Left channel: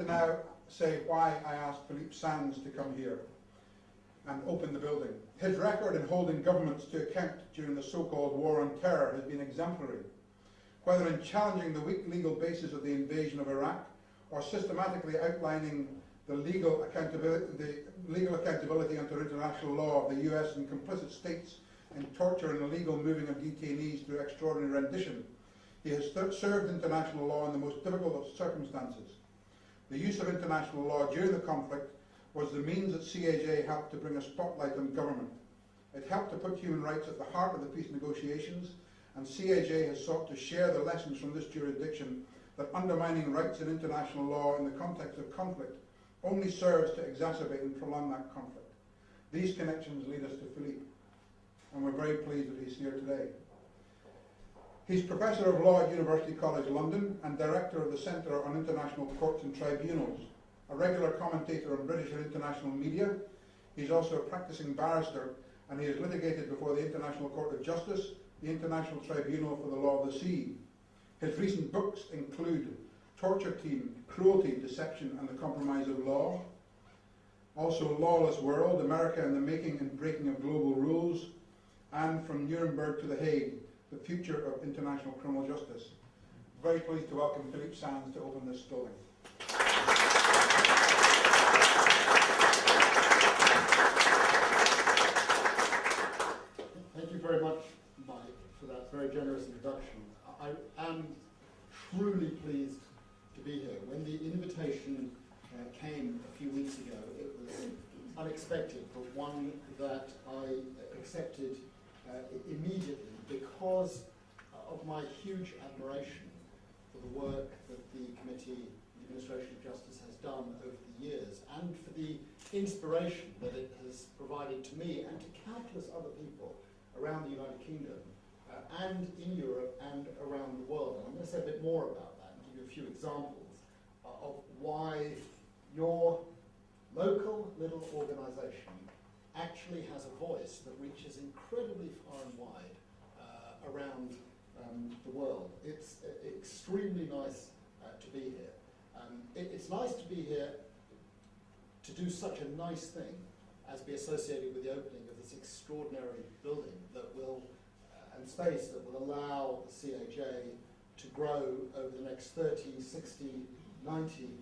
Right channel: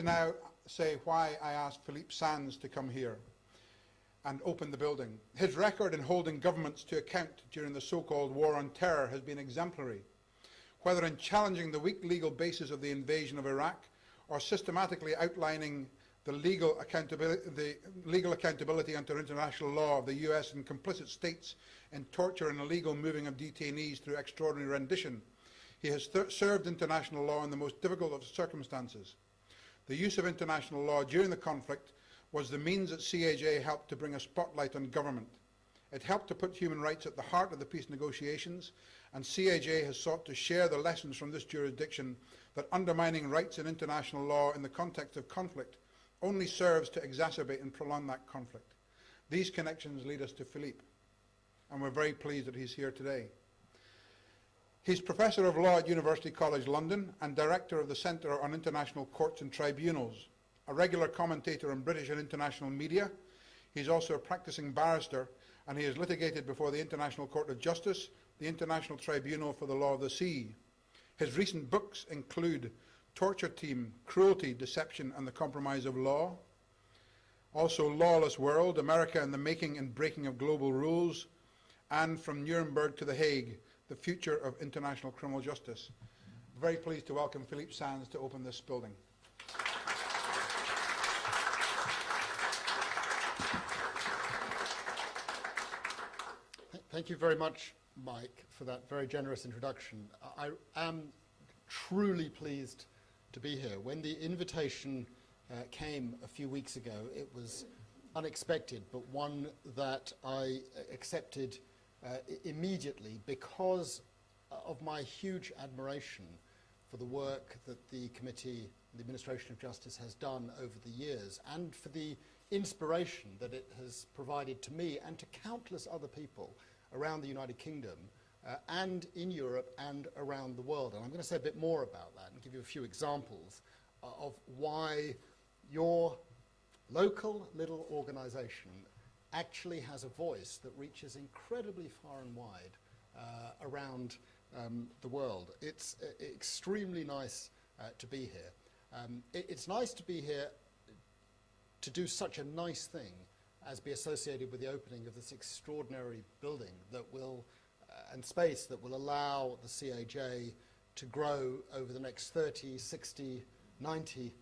to now say why I asked Philippe Sands to come here and open the building. His record in holding governments to account during the so-called War on Terror has been exemplary, whether in challenging the weak legal basis of the invasion of Iraq or systematically outlining the legal accountability under international law of the US and complicit states in torture and illegal moving of detainees through extraordinary rendition. He has served international law in the most difficult of circumstances. The use of international law during the conflict was the means that CAJ helped to bring a spotlight on government. It helped to put human rights at the heart of the peace negotiations, and CAJ has sought to share the lessons from this jurisdiction that undermining rights in international law in the context of conflict only serves to exacerbate and prolong that conflict. These connections lead us to Philippe, and we're very pleased that he's here today. He's Professor of Law at University College London and Director of the Centre on International Courts and Tribunals, a regular commentator on British and international media. He's also a practicing barrister, and he has litigated before the International Court of Justice, the International Tribunal for the Law of the Sea. His recent books include Torture Team, Cruelty, Deception and the Compromise of Law, also Lawless World, America and the Making and Breaking of Global Rules, and From Nuremberg to The Hague, The Future of International Criminal Justice. Very pleased to welcome Philippe Sands to open this building. Thank you very much, Mike, for that very generous introduction. I am truly pleased to be here. When the invitation came a few weeks ago, it was unexpected, but one that I accepted immediately because of my huge admiration for the work that the Committee, the Administration of Justice, has done over the years, and for the inspiration that it has provided to me and to countless other people around the United Kingdom and in Europe and around the world. And I'm going to say a bit more about that and give you a few examples of why your local little organisation actually has a voice that reaches incredibly far and wide around the world. It's extremely nice to be here. It's nice to be here to do such a nice thing as be associated with the opening of this extraordinary building that will, and space that will allow the CAJ to grow over the next 30, 60, 90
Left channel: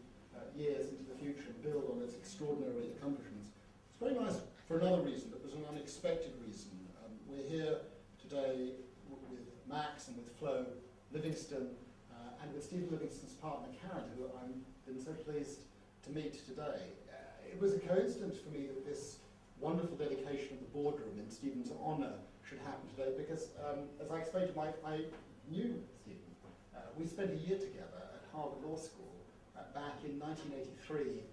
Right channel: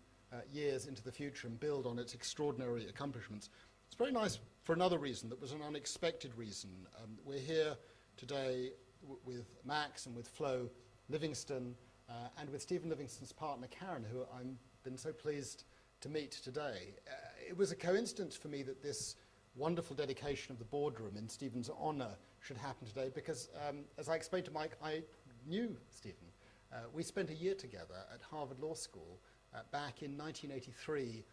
years into the future and build on its extraordinary accomplishments. It's very nice for another reason that was an unexpected reason. We're here today with Max and with Flo Livingston and with Stephen Livingston's partner Karen, who I've been so pleased to meet today. It was a coincidence for me that this wonderful dedication of the boardroom in Stephen's honour should happen today because, as I explained to Mike, I knew Stephen. We spent a year together at Harvard Law School back in 1983,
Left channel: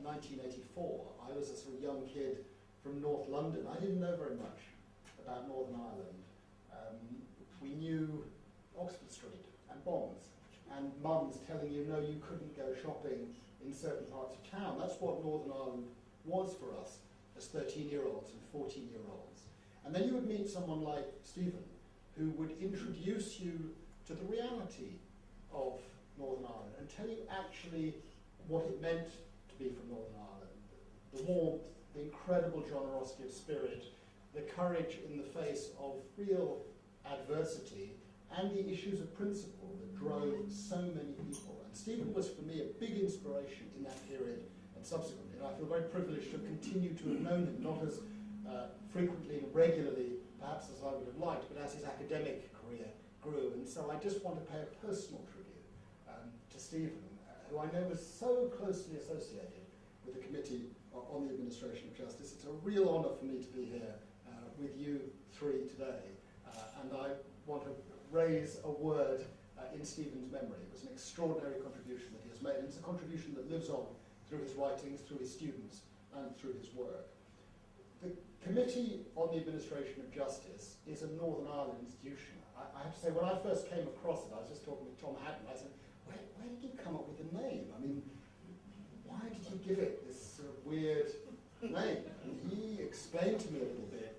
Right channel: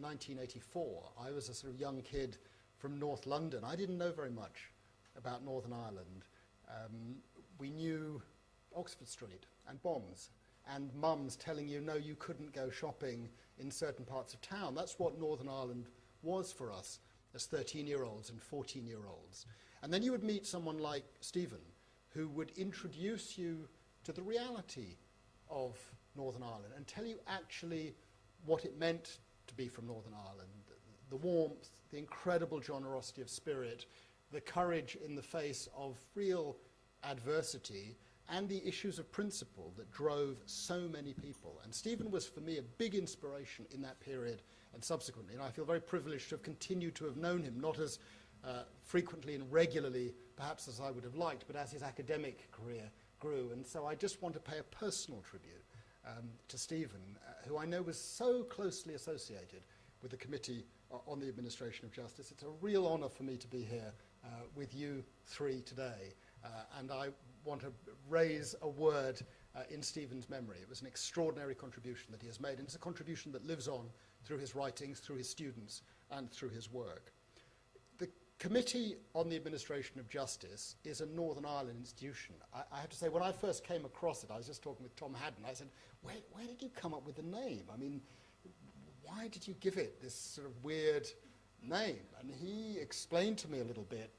1984. I was a sort of young kid from North London. I didn't know very much about Northern Ireland. We knew Oxford Street and bombs and mums telling you, no, you couldn't go shopping in certain parts of town. That's what Northern Ireland was for us as 13-year-olds and 14-year-olds. And then you would meet someone like Stephen, who would introduce you to the reality of Northern Ireland and tell you actually what it meant to be from Northern Ireland. The warmth, the incredible generosity of spirit, the courage in the face of real adversity, and the issues of principle that drove so many people. And Stephen was, for me, a big inspiration in that period and subsequently. And I feel very privileged to have continued to have known him, not as frequently and regularly, perhaps as I would have liked, but as his academic career grew. And so I just want to pay a personal tribute to Stephen, who I know was so closely associated with the Committee on the Administration of Justice. It's a real honour for me to be here with you three today. And I want to raise a word in Stephen's memory. It was an extraordinary contribution that he has made, and it's a contribution that lives on through his writings, through his students, and through his work. The Committee on the Administration of Justice is a Northern Ireland institution. I have to say, when I first came across it, I was just talking with Tom Hatton, I said, where did you come up with the name? I mean, why did you give it this sort of weird name? And he explained to me a little bit,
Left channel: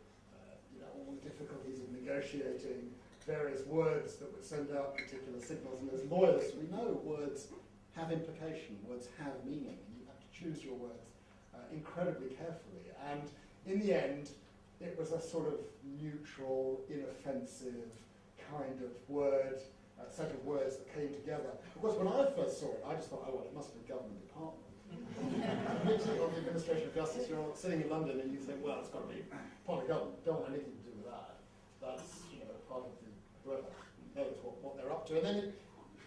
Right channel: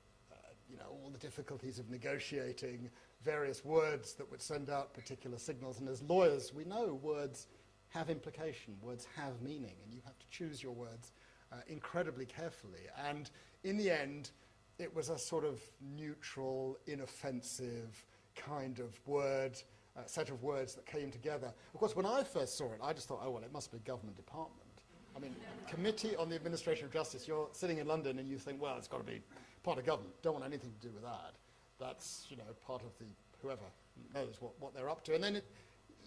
all the difficulties of negotiating various words that would send out particular signals. And as lawyers, we know words have implication, words have meaning, and you have to choose your words incredibly carefully. And in the end, it was a sort of neutral, inoffensive kind of word, set of words that came together. Of course, when I first saw it, I just thought, oh, well, it must be a government department. Committee on the Administration of Justice. You're sitting in London and you think, well, it's got to be part of government. Don't want anything to do with that. That's, you know, part of the, whoever knows what they're up to. And then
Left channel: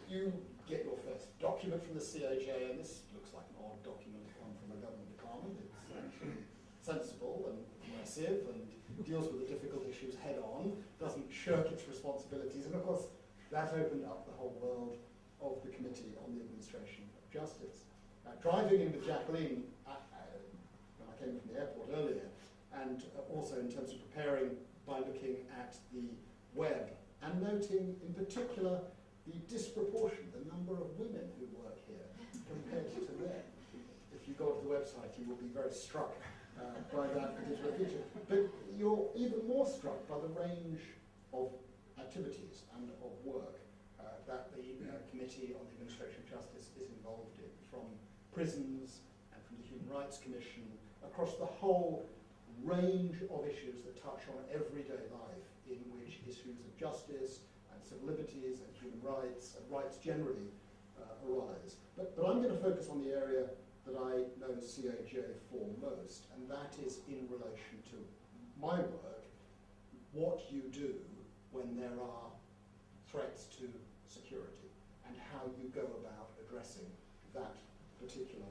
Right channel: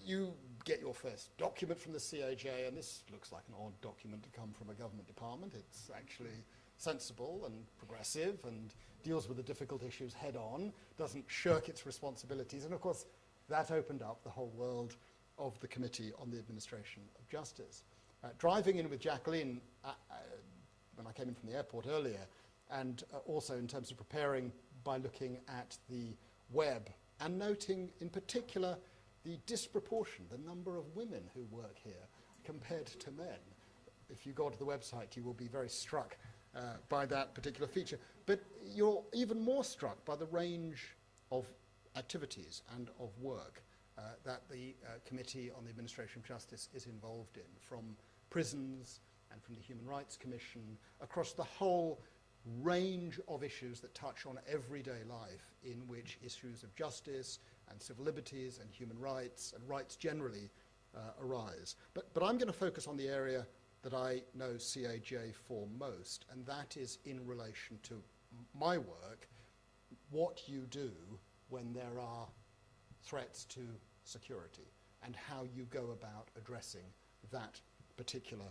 you get your first document from the CAJ, and this looks like an odd document to come from a government department. It's actually sensible and progressive and deals with the difficult issues head on, doesn't shirk its responsibilities. And of course, that opened up the whole world of the Committee on the Administration of Justice. Driving in with Jacqueline when I came in from the airport earlier, and also in terms of preparing by looking at the web and noting in particular the disproportion, the number of women who work here compared to men. If you go to the website, you will be very struck by that particular feature. But you're even more struck by the range of activities and of work that the Committee on the Administration of Justice is involved in, from prisons and from the Human Rights Commission, across the whole range of issues that touch on everyday life, in which issues of justice and civil liberties and human rights and rights generally arise. But I'm going to focus on the area that I know CAJ for most, and that is in relation to my work, what you do when there are threats to security, and how you go about addressing that particular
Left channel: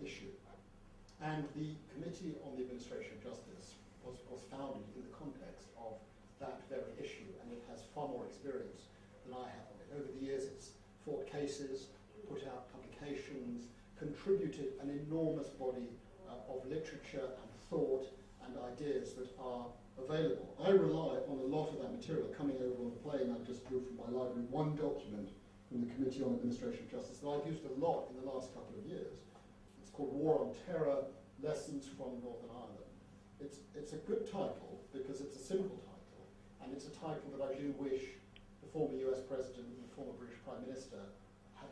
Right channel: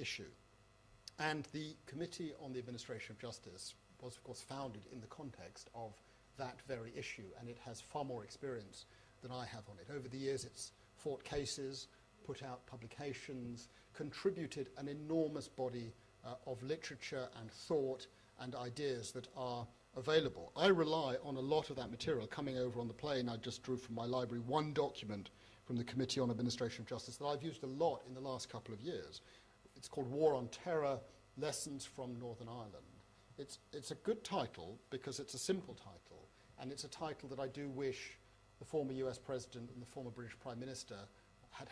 issue. And the Committee on the Administration of Justice was founded in the context of that very issue, and it has far more experience than I have on it. Over the years, it's fought cases, put out publications, contributed an enormous body of literature and thought and ideas that are available. I rely on a lot of that material. Coming over on the plane, I just drew from my library one document from the Committee on Administration of Justice that I've used a lot in the last couple of years. It's called War on Terror, Lessons from Northern Ireland. It's a good title because it's a simple title, and it's a title that I do wish the former US President and the former British Prime Minister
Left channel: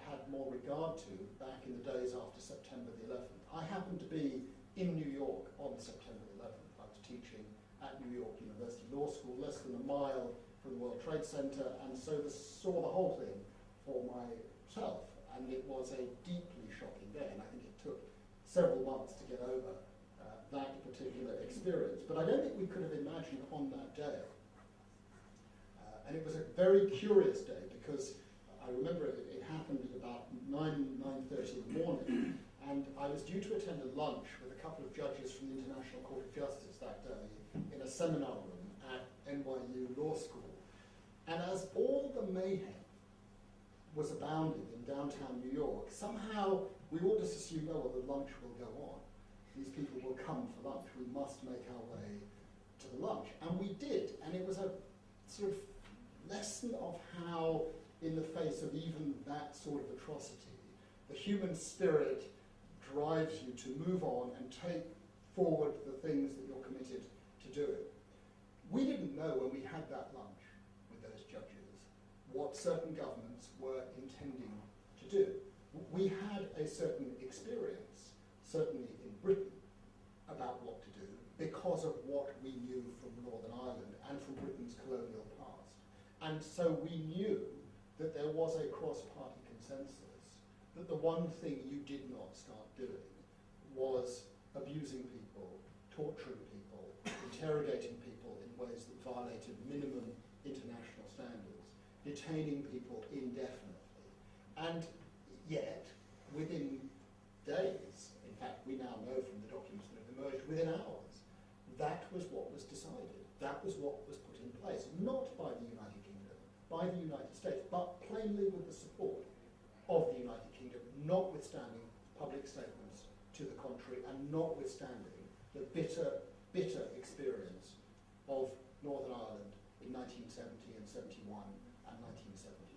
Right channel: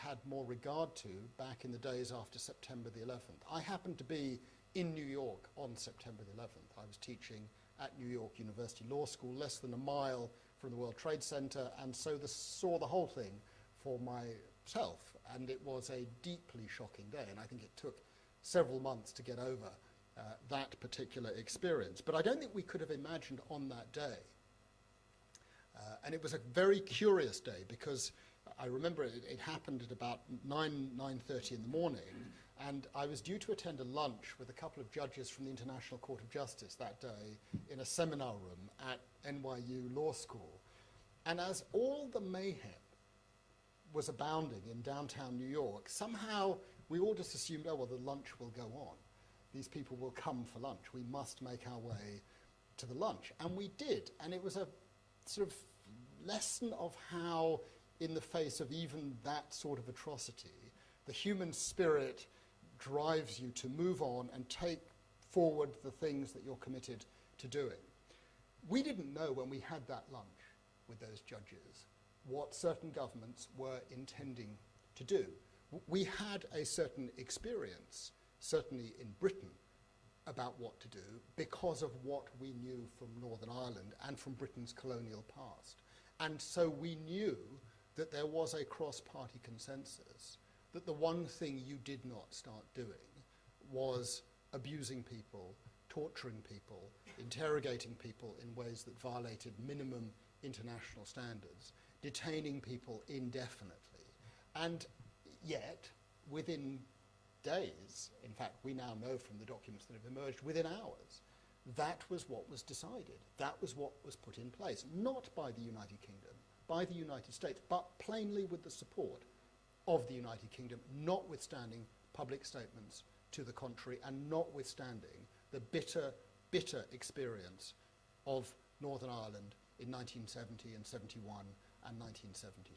had more regard to back in the days after September the 11th. I happened to be in New York on September the 11th. I was teaching at New York University Law School, less than a mile from the World Trade Center, and so saw the whole thing for myself. And it was a deeply shocking day, and I think it took several months to get over that particular experience. But I don't think we could have imagined on that day. And it was a very curious day, because I remember it happened at about 9:30 in the morning, and I was due to attend a lunch with a couple of judges from the International Court of Justice that day in a seminar room at NYU Law School. And as all the mayhem was abounding in downtown New York, somehow we all just assumed, oh, well, the lunch will go on. These people will come for lunch. We must make our way to the lunch. And we did. And it was a sort of lesson of how, in the face of even that sort of atrocity, the human spirit drives you to move on and take forward the things that you're committed to doing. We didn't know when we had that lunch with those judges what certain governments were intending to do. We had a certain experience, certainly in Britain, about what to do because of what we knew from Northern Ireland and from Britain's colonial past. And so we knew that there was a cross-party consensus that the one thing you did not start doing was abusing people, torturing people, interrogating people in ways that violated minimum international standards, detaining people indefinitely. And yet, within days, in fact, we now know from the documents that have emerged, within hours, that was what was decided. That was what was put in place, not by the United Kingdom, by the United States, but plainly with the support of the United Kingdom, notwithstanding public statements to the contrary, and notwithstanding the bitter, bitter experience of Northern Ireland in 1970 and 71 and 1972.